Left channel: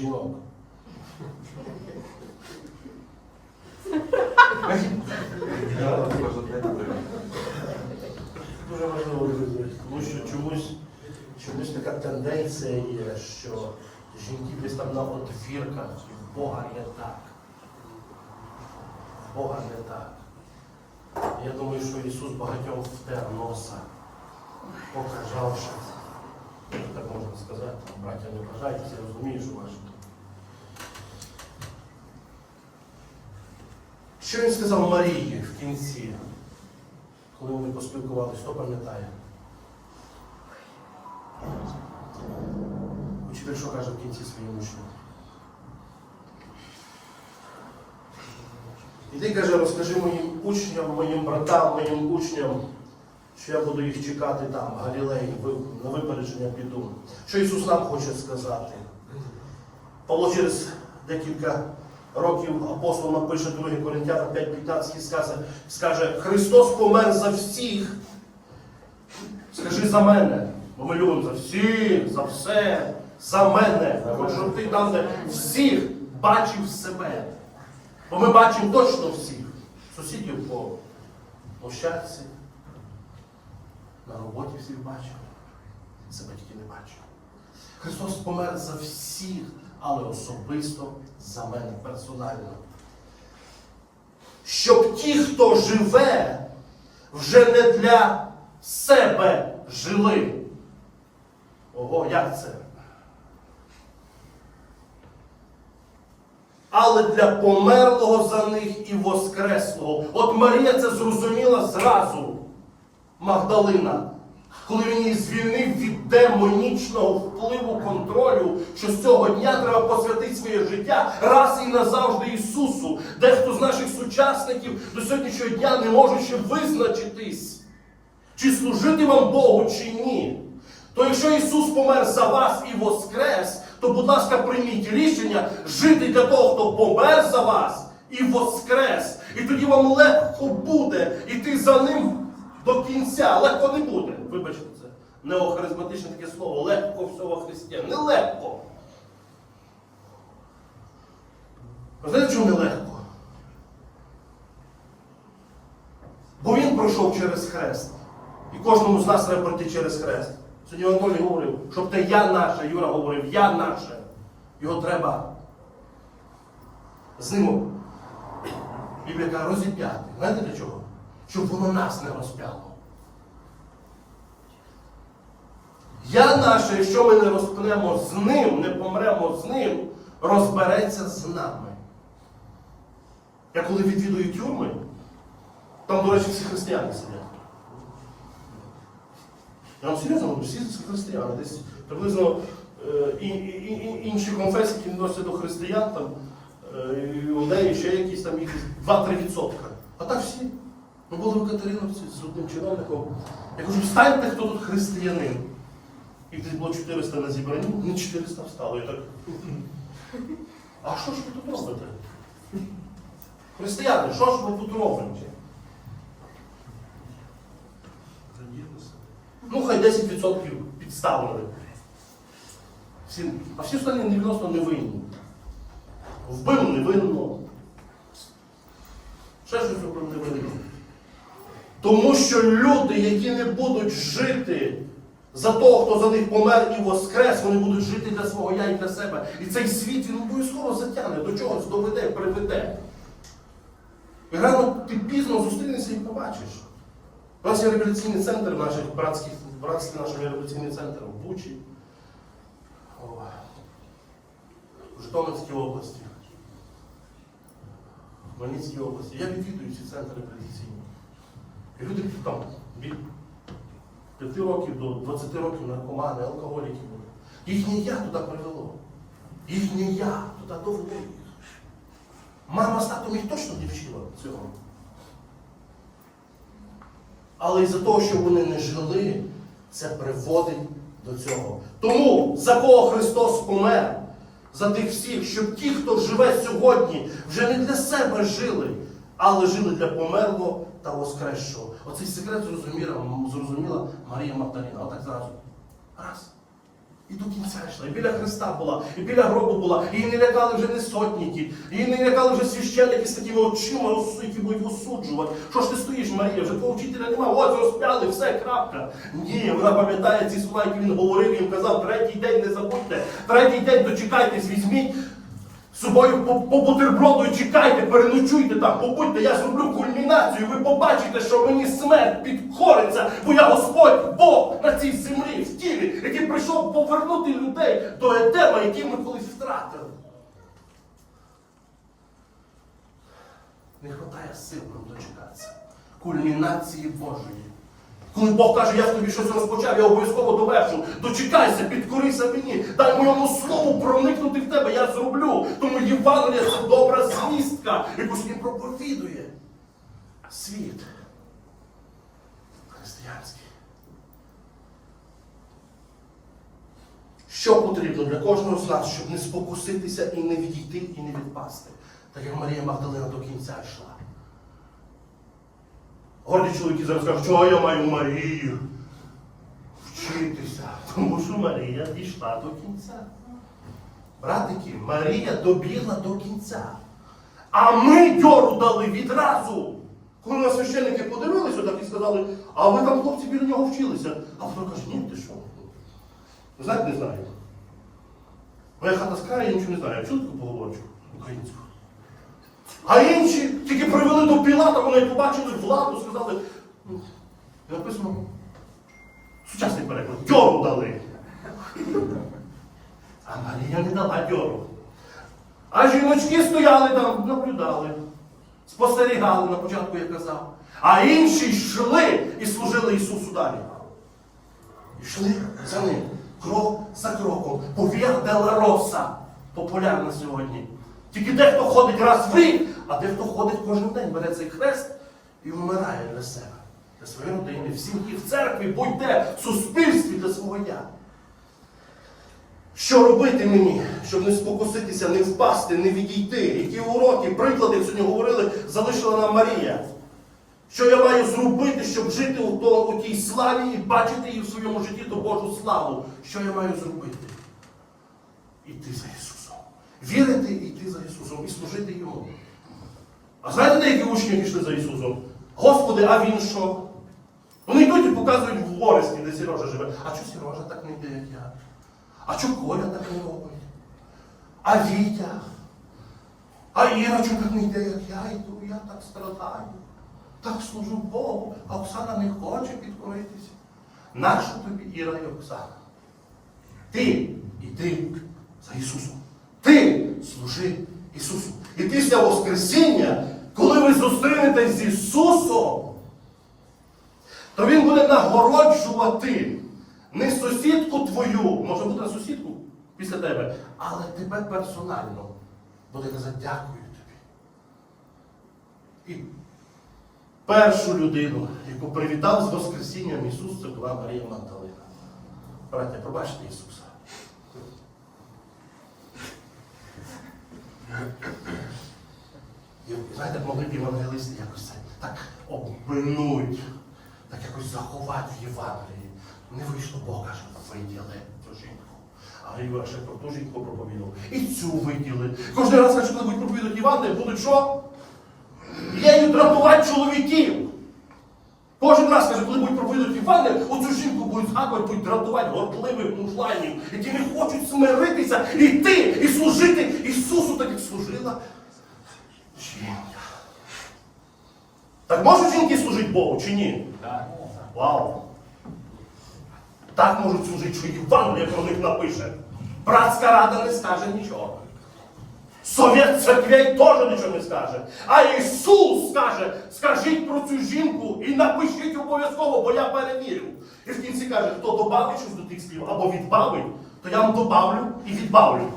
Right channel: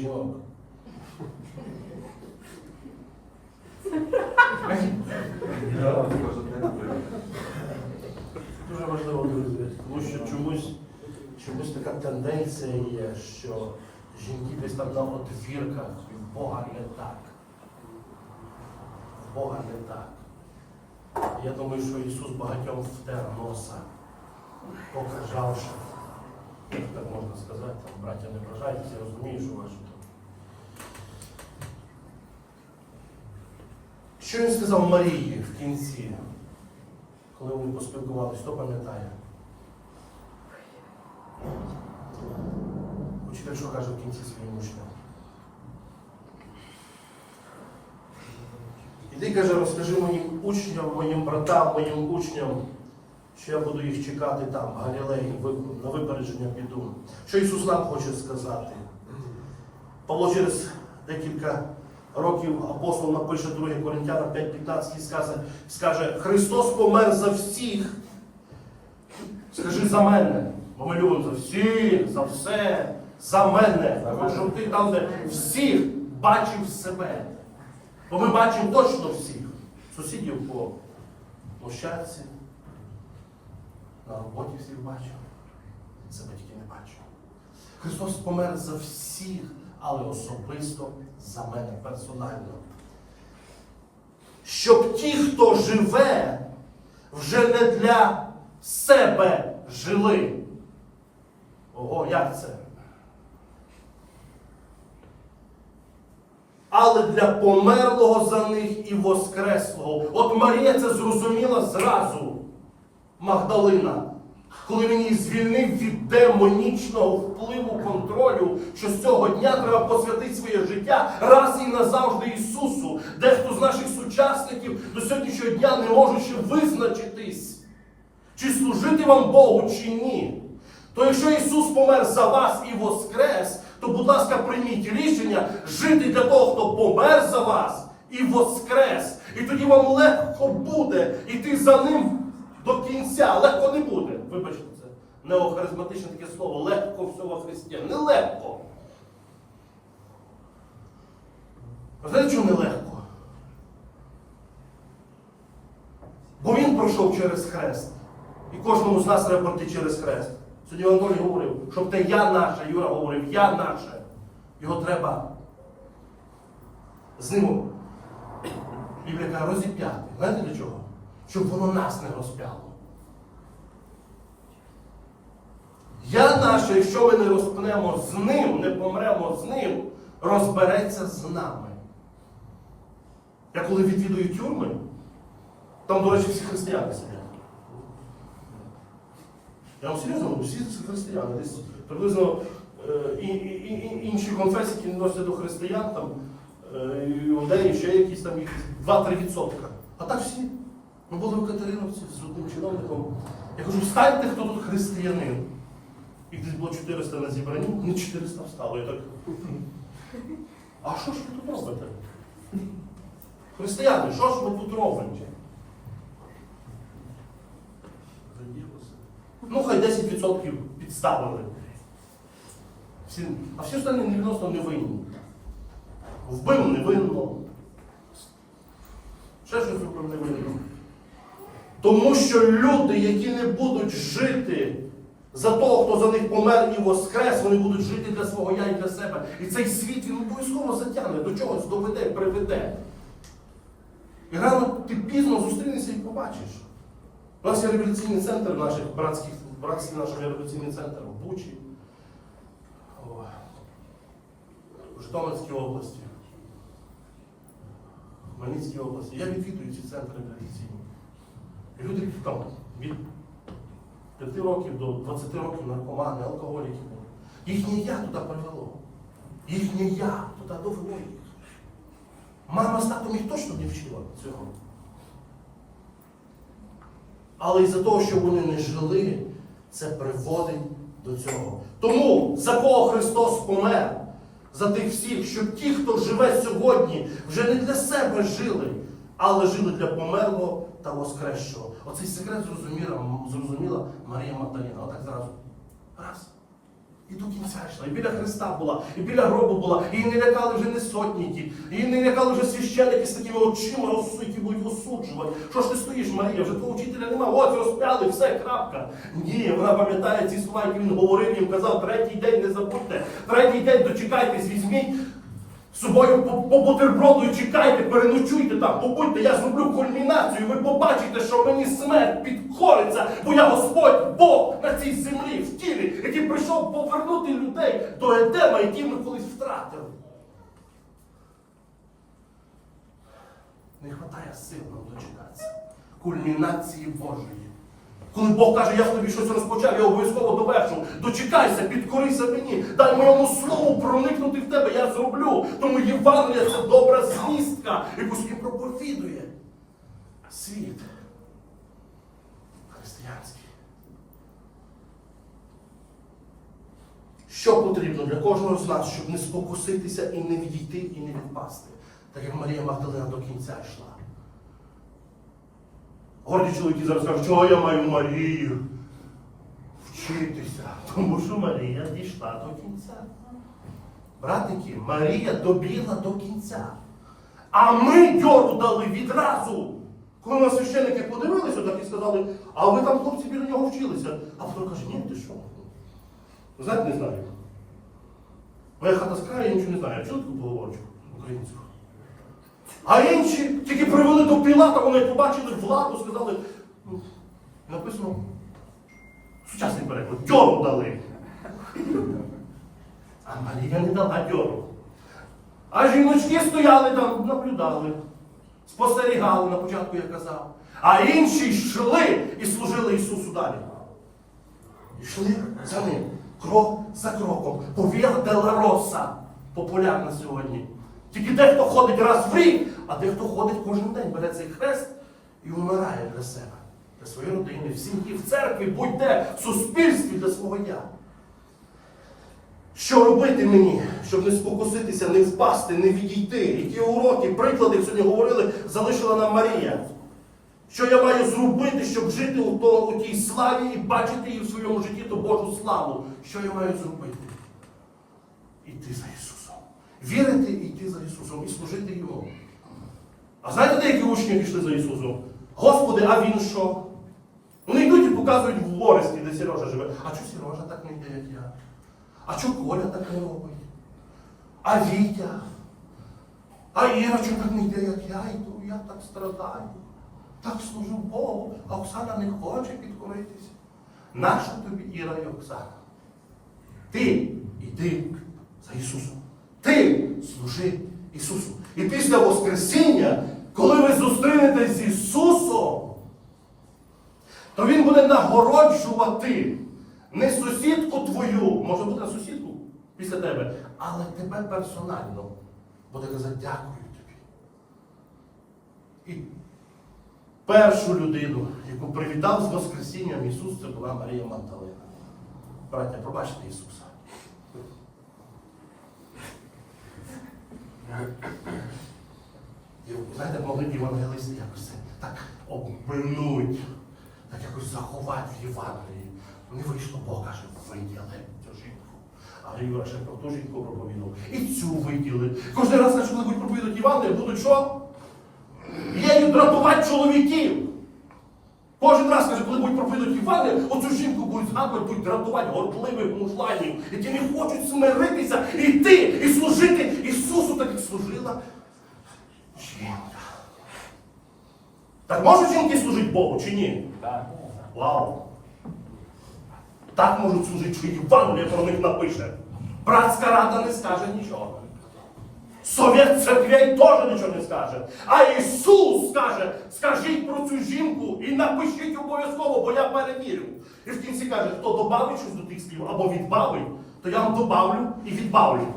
жінок? Дуже важливо, друзі, тому що чомусь, чомусь така тенденція є, що жінки десь там на отвірках, і Бога не так. Бога не так. Я думаю, що Ісус багатьом втер носа, показавши, якщо так можна сказати, браття не бажайтеся, я розумію, що ваше. Що він сказав Марії в кінці, коли вони поспілкувалися, хто пам'ятає? Учитель що каже в кінці своїм учням? Іди, каже, розкажи моїм учням, моїм братам, моїм учням, що я буду їх чекати там, в Галілеї, на випередження піду. Що Ісус нам хоче сказати? Павло через декілька років апостол напише 2 Коринтянам 5.15 і скаже, скаже, Христос помер за всіх. Скажи за мене. Бо ми любимо за всіх, за все, за мене. Я хочу, щоб ти там де всіх бачив себе. Бо ми бачимо точно всіх. Сусідів по площадці, на роботі всіх бачимо. Себе тільки не бачимо. Христос помер за всіх, але особисто за мене персонально. Щоб ті, хто живе, вже не для себе жили. Ого, як це? Але для померлого за них і воскреслого. От Марія це зрозуміла зразу. Магдалина, коли він її звільнив від демонічного впливу контролю, що з цього дня треба посвятити своє життя раз і назавжди Ісусу. Дехто з наших сучасників до сьогоднішнього дня не може ще визначитись, чи служити вам Богу, чи ні. То якщо Ісус помер за вас і воскрес, то, будь ласка, прийміть рішення жити для того, хто помер за вас і воскрес. І тоді вам легко буде йти за ним до кінця. Легко не буде. Вибачте, це неохаризматичне таке слово. Легко всього християн. Нелегко. Знаєте, чому нелегко? Бо він пройшов через хрест. І кожному з нас треба пройти через хрест. Сьогодні Анатолій говорив, щоб те я наше, Юра говорив, я наше. Його треба з ним Біблія каже, розіп'яти. Знаєте для чого? Щоб воно нас не розп'яло. Я наше, якщо ми не розпнемо з ним, не помремо з ним, розбереться з нами. Я коли відвідую тюрми, там, до речі, всі християни сидять. Я вам серйозно говорю, всі християни. Десь приблизно е, і, і, і, інші конфесії, які відносяться до християн, там, е, іудеї, ще якісь там їх 2-3%. А так всі. Ми були в Катериновці з одним чиновником. Я кажу, встаньте, хто тут християнин. І десь було 400 на зібранні, не 400 встало. Я так. А що ж ви тут робите? Християни, що ж ви тут робите? Ну, хай 10% підставили. Всі, а всі останні 90 не винні. Вбив невинно. Ще щось зробив невинно. Тому що люди, які не будуть жити за того, хто за них помер і воскрес, вони будуть жити для свого я і для себе. І цей світ він обов'язково затягне, до чогось доведе, приведе. І рано ти пізно зустрінешся і побачиш. У нас є реабілітаційний центр наших братських, братський наш реабілітаційний центр в Бучі, в Житомирській області, в Хмельницькій області. Я відвідую ці центри реабілітаційні. Люди там від 5 років до 20 років наркомани, алкоголіки були. Їхнє я туди привело. Їхнє я туди довело їх. Мама з татом їх точно не вчила цього. Але із-за того, що вони не жили, це приводить до цього. Тому за кого Христос помер? За тих всіх, щоб ті, хто живе сьогодні, вже не для себе жили, але жили для померлого та воскресшого. Оцей секрет зрозуміла, зрозуміла Марія Магдаліна. Отак зразу. Раз. І до кінця йшла, і біля Христа була, і біля гробу була, її не лякали вже не сотніки, її не лякали вже священники з такими очима, які будуть осуджувати. Що ж ти стоїш, Марія? Вже твого вчителя немає, ось розп'яли, все, крапка. Ні, вона пам'ятає ці слова, які він говорив, їм казав, третій день не забудьте, третій день дочекайтесь, візьміть собою по, по бутерброду і чекайте, переночуйте там, побудьте, я зроблю кульмінацію, ви побачите, що мені смерть підкориться, бо я Господь Бог на цій землі, в тілі, який прийшов повернути людей до Едема, який ми колись втратили. Не вистачає сил нам дочекатися. Кульмінації Божої. Коли Бог каже, я в тобі щось розпочав, я обов'язково довершу. Дочекайся, підкорися мені, дай моєму слову проникнути в тебе, я зроблю. Тому Євангелія це добра звістка, яку він проповідує. Світ християнський. Що потрібно для кожного з нас, щоб не спокуситися і не відійти, і не відпасти, так як Марія Магдалина до кінця йшла. Горді чоловіки зараз кажуть, чого я маю Марію вчитися. Тому що Марія дійшла до кінця. Братики, Марія добігла до кінця. А ми дьору дали відразу. Коли нас священники подивилися так і сказали, а ви там хлопці біля нього вчилися. А вона каже, ні, ти що? Знаєте, не знаю. Моя хата з я нічого не знаю. Я чули таку поговорочку українську. А інші тільки привели до Пілата, вони побачили владу, сказали, ну, написано, сучасний переклад, дьору дали. А Марія не дала дьору. А жіночки стояли там, наблюдали, спостерігали на початку, я казав. А інші йшли і служили Ісусу далі. Йшли за ним, крок за кроком. Повія Дела Роса популярна сьогодні. Тільки дехто ходить раз в рік, а дехто ходить кожен день, бере цей хрест і вмирає для себе, для своєї родини, в сім'ї, в церкві, будь-де, в суспільстві для свого я. Що робити мені, щоб не спокуситися, не впасти, не відійти? Які уроки, приклади сьогодні говорили, залишила нам Марія. Що я маю зробити, щоб жити у, то, у тій славі і бачити її в своєму житті ту Божу славу? Що я маю зробити? Іти за Ісусом. Вірити і йти за Ісусом і служити Йому. А знаєте, деякі учні пішли за Ісусом? Господи, а він що? Вони йдуть і показують в Оресті, де Сережа живе. А чого Сережа так не йде, як я? А чого Коля так не робить? А Вітя? А Іра чого так не йде, як я йду? Я так страдаю. Так служу Богу, а Оксана не хоче підкоритися. Нащо тобі Іра і Оксана? Ти йди за Ісусом. Ти служи Ісусу. І після Воскресіння, коли ви зустрінетесь з Ісусом, то Він буде нагороджувати не сусідку твою, може бути на сусідку після тебе, але тебе персонально буде казати дякую тобі. І першу людину, яку привітав з Воскресінням Ісус, це була Марія Магдалина. Браття, пробачте Ісуса. Знаєте, могли б якось це так обминуть, так якось заховати в Євангелії. Не вийшло Бог, каже, виділи цю жінку. А Ігор ще про ту жінку проповідав. І цю виділи. Кожен раз, коли будуть проповідати Євангеліє, будуть що? Єю драпувати чоловіків. Кожен раз, каже, коли будуть проповідати Євангеліє, оцю жінку будуть згадувати, будуть дратувати гордливих мужланів, які не хочуть смиритися, іти і служити Ісусу, так як служила жінка. Так можуть жінки служити Богу чи ні? Вау! Так можуть служити, що Євангеліє про них напише. Братська рада не скаже нічого. Совет церквей теж нічого не скаже. А Ісус скаже, скажіть про цю жінку і напишіть обов'язково, бо я перевірю. І в кінці каже, хто добавить щось до тих слів або відбавить, то я вам добавлю і відбавлю.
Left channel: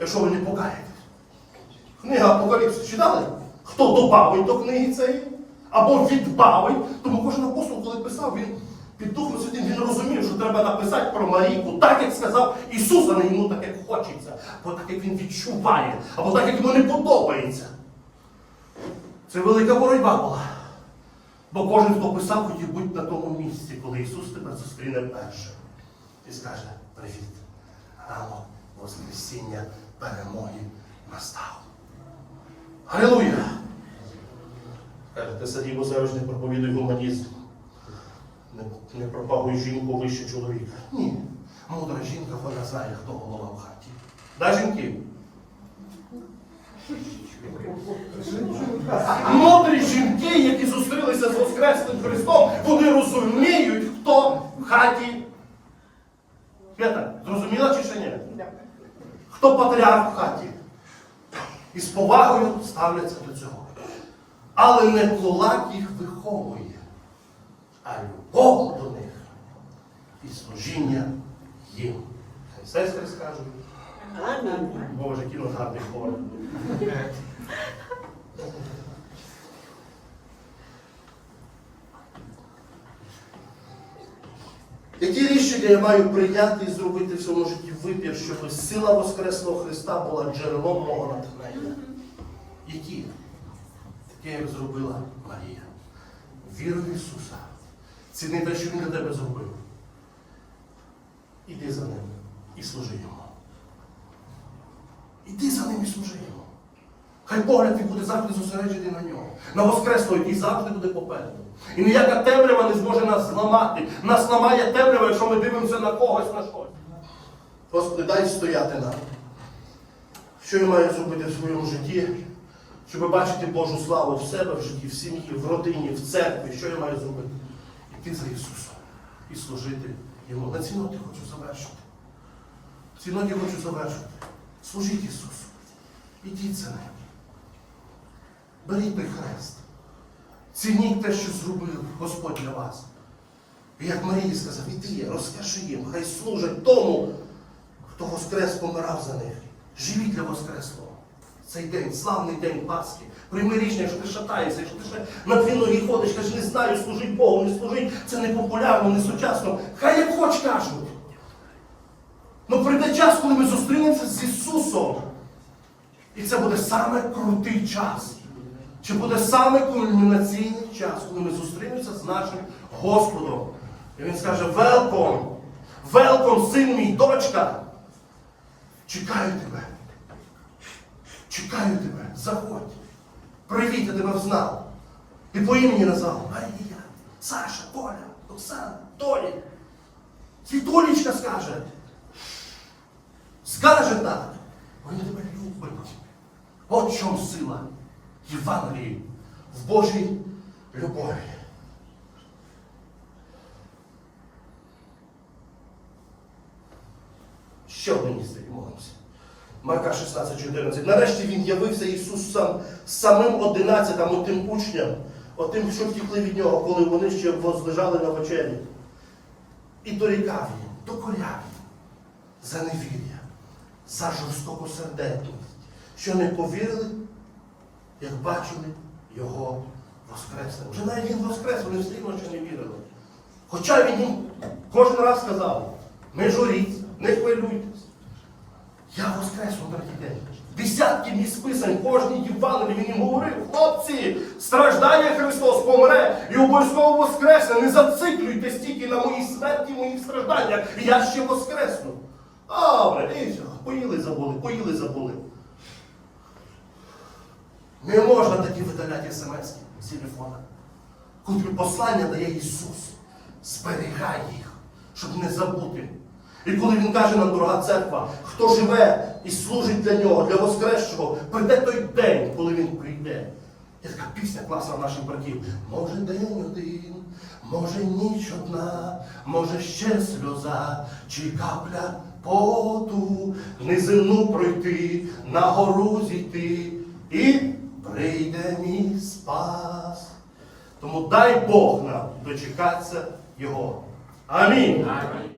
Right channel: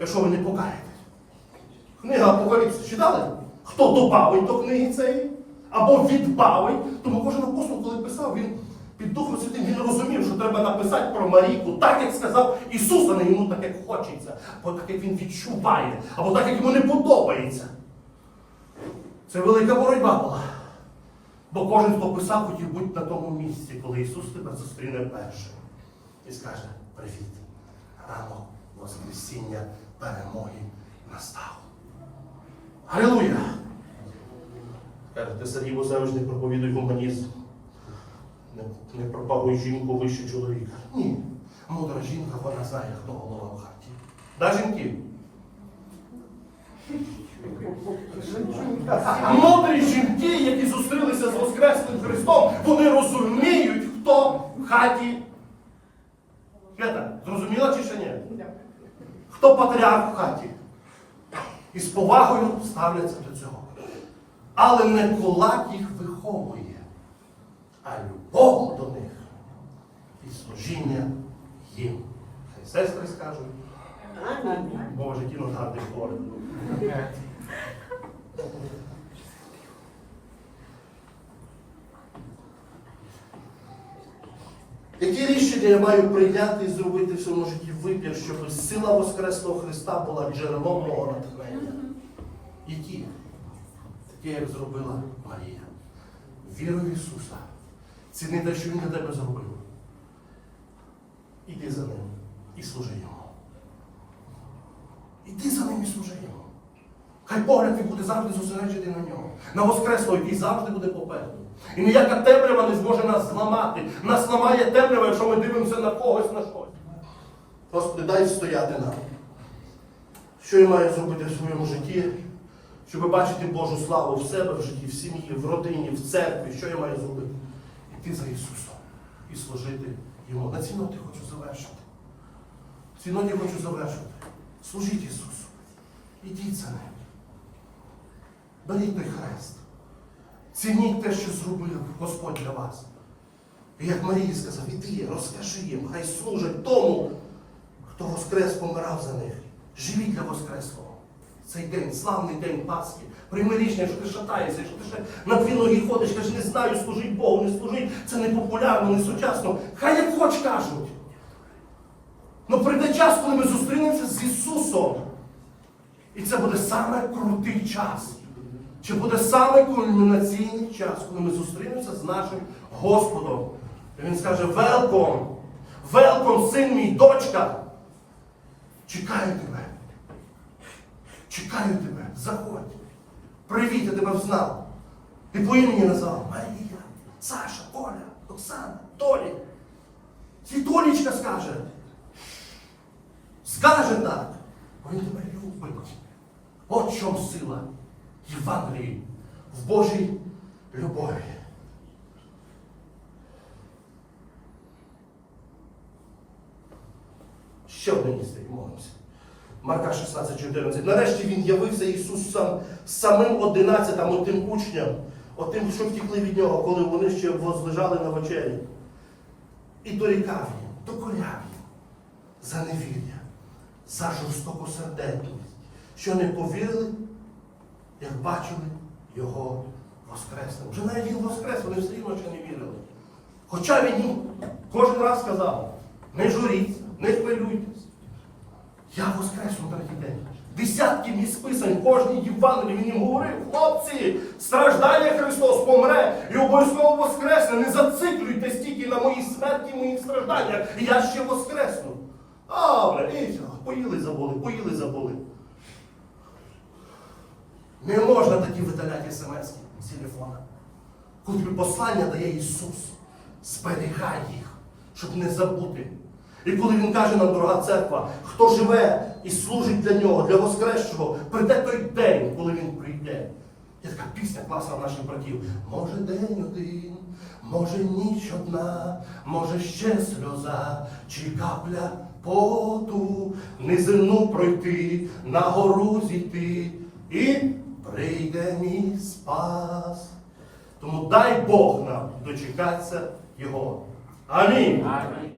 Якщо ви не покаєтесь. Книга Апокаліпсис читали? Хто добавить до книги цієї, або відбавить. Тому кожен апостол, коли писав, він під Духом Святим він розумів, що треба написати про Марійку так, як сказав Ісус, а не йому так, як хочеться, або так, як він відчуває, або так, як йому не подобається. Це велика боротьба була. Бо кожен, хто писав, хотів бути на тому місці, коли Ісус тебе зустріне першим. і скаже привіт. Ранок Воскресіння перемоги настав. Алілуя! Каже, ти Сергій завжди проповідуй гуманізм. Не, не пропагуй жінку вище чоловіка. Ні. Мудра жінка, вона знає, хто голова в хаті. Да, жінки? Мудрі жінки, які зустрілися з Воскресним Христом, вони розуміють, хто в хаті. Свята, зрозуміла чи ще ні? Хто патріарх в хаті? І з повагою ставляться до цього. Але не кулак їх виховує, а любов до них і служіння їм. Хай сестри скажуть. Боже, кіно гарний хор. Які рішення я маю прийняти і зробити в своєму житті вибір, щоб сила Воскресного Христа була джерелом мого натхнення? Які? Таке, як зробила Марія. Віру в Ісуса. Ціни те, що Він для тебе зробив. Іди за ним і служи йому. Іди за ним і служи йому. Хай погляд твій буде завжди зосереджений на нього. На Воскресло, який завжди буде попереду. І ніяка темрява не зможе нас зламати. Нас ламає темрява, якщо ми дивимося на когось на щось. Господи, дай стояти нам. Що я маю зробити в своєму житті, щоб бачити Божу славу в себе, в житті, в сім'ї, в родині, в церкві. Що я маю зробити? Іти за Ісусом і служити Йому. На цінноті хочу завершити. В цінноті хочу завершити. Служіть Ісусу. Ідіть за ним. Беріть той хрест. Цініть те, що зробив Господь для вас. І як Марії сказав, іди, розкажи їм, хай служать тому, хто Воскрес помирав за них. Живіть для Воскреслого. Цей день, славний день Пасхи. Прийми рішення, якщо ти шатаєшся, якщо ти ще на дві ноги ходиш, кажеш, не знаю, служить Богу, не служить, це не популярно, не сучасно. Хай як хоч кажуть. Ну прийде час, коли ми зустрінемося з Ісусом. І це буде саме крутий час. Чи буде саме кульмінаційний час, коли ми зустрінемося з нашим Господом? І він скаже: Велком! Велком, син мій, дочка! Чекаю тебе. Чекаю тебе, заходь. Привіт, я тебе взнав. І по імені назвав Марія, Саша, Толя, Оксана, Толі. Світулічка скаже. Скаже так. Він тебе любить. От в чому сила Євангелії в Божій любові. Ще одне місце і молимося. Марка 16,14. Нарешті він явився Ісус сам, самим одинадцятим, отим учням, отим, що втікли від нього, коли вони ще возлежали на вечері. І дорікав їм, докоряв їм за невір'я, за жорстоку сердечність, що не повірили, як бачили його воскресним. Вже навіть він воскрес, вони все рівно ще не вірили. Хоча він їм кожен раз сказав, не журіться, не хвилюйтесь. Я воскресу на третій день. Десятки місць писань, кожній Євангелії їм говорив, хлопці, страждає Христос, помре і обов'язково воскресне. Не зациклюйте стільки на моїй смерті, моїх стражданнях. Я ще воскресну. Добре, і поїли забули, поїли забули. Не можна тоді видаляти смс з телефона. Коли послання дає Ісус, зберігай їх, щоб не забути. І коли Він каже нам, дорога церква, хто живе і служить для нього, для Воскресшого, прийде той день, коли Він прийде. Є така пісня класна наших братів. Може день один, може ніч одна, може ще сльоза, чи капля поту, низину пройти, на гору зійти, і прийде мій спас. Тому дай Бог нам дочекатися Його. Амінь. Амінь.